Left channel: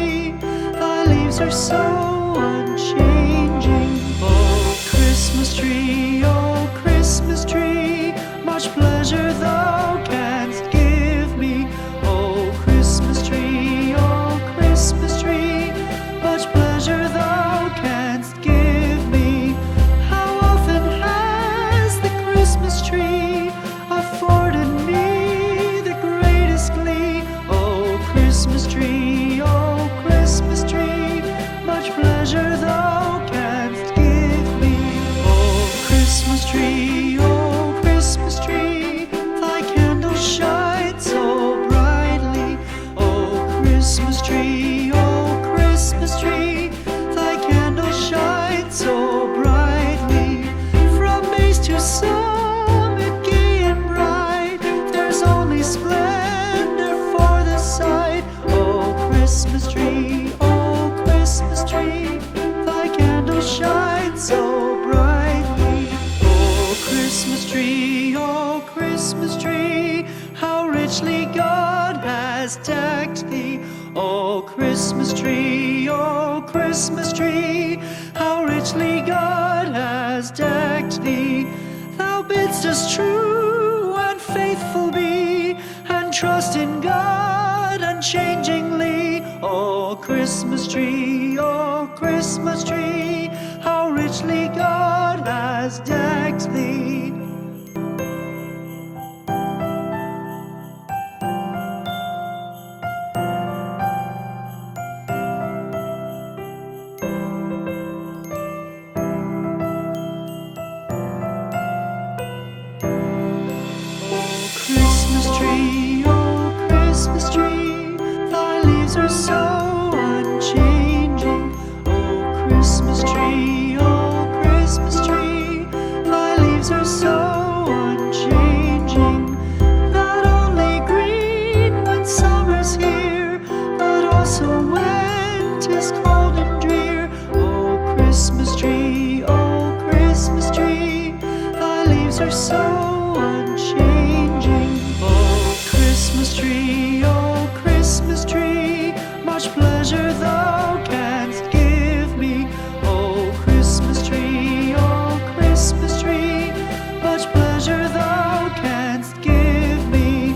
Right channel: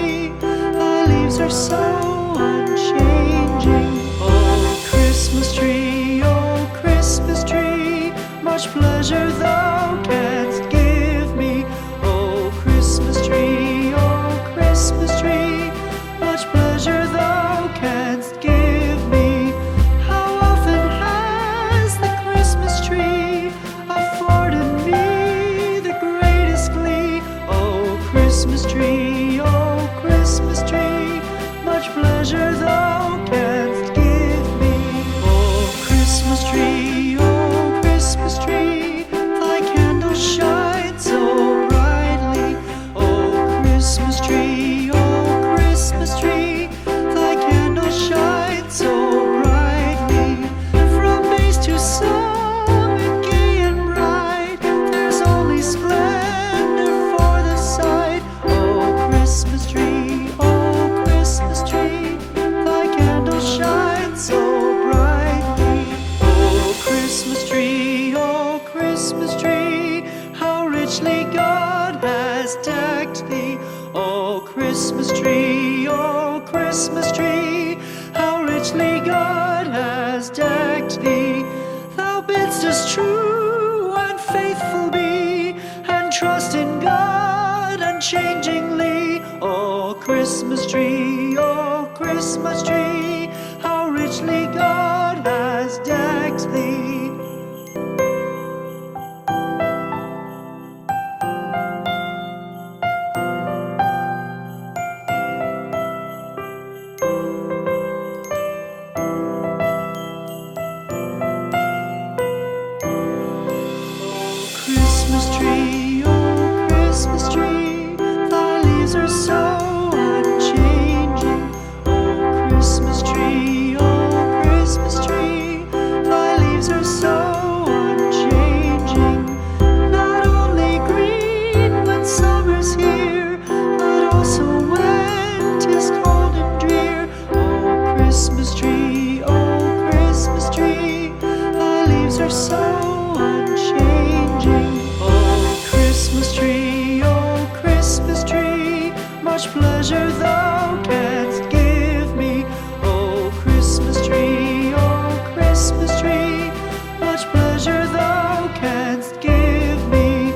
tree. Thy leaves are so unchanging. Oh, Christmas tree, oh, Christmas tree, much pleasure thou canst give me. Oh, Christmas tree, much pleasure thou canst give me. How often has the Christmas tree afforded me the greatest glee? Oh, Christmas tree, much pleasure thou canst give me. Oh, Christmas tree, thy candles shine so brightly. Oh, Christmas tree, thy candles shine so brightly. From base to summit, gay and bright, there's only splendor for the sight. Oh, Christmas tree, thy candles shine so brightly. Oh, Christmas tree, how richly God has decked thee. Oh, Christmas tree, how richly God has decked thee. Thou bidst us true and faithful be, and trust in God unchangingly. Oh, Christmas tree, how richly God has decked thee. Christmas tree, oh, Christmas tree, thy leaves are so unchanging. Oh, Christmas tree, thy leaves are so unchanging. Not only green when summer's here, but also when 'tis cold and drear. Oh, Christmas tree, thy leaves are so unchanging. Oh, Christmas tree, much pleasure thou canst give me. Oh, Christmas tree, much pleasure thou canst give me.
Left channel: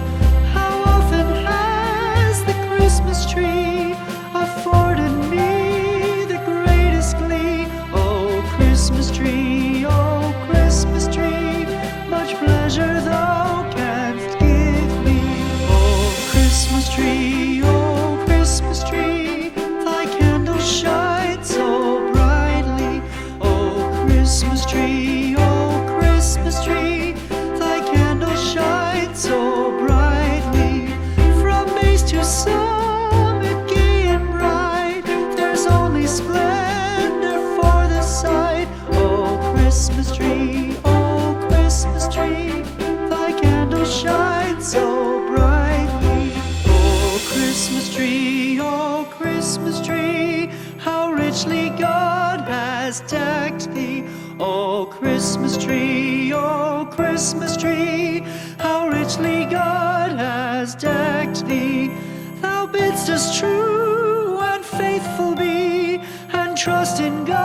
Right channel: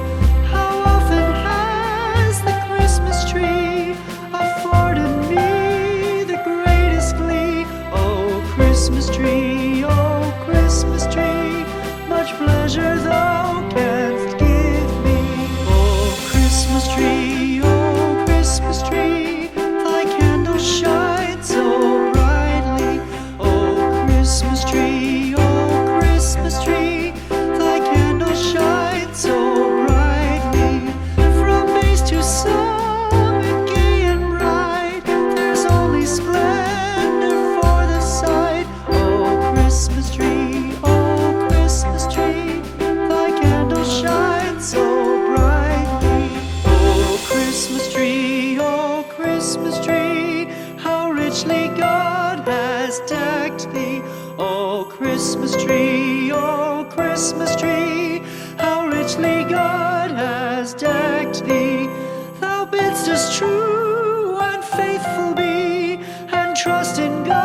How often has the Christmas tree afforded me the greatest glee? Oh, Christmas tree, much pleasure thou canst give me. Oh, Christmas tree, thy candles shine so brightly. Oh, Christmas tree, thy candles shine so brightly. From base to summit, gay and bright, there's only splendor for the sight. Oh, Christmas tree, thy candles shine so brightly. Oh, Christmas tree, how richly God has decked thee. Oh, Christmas tree, how richly God has decked thee. Thou bidst us true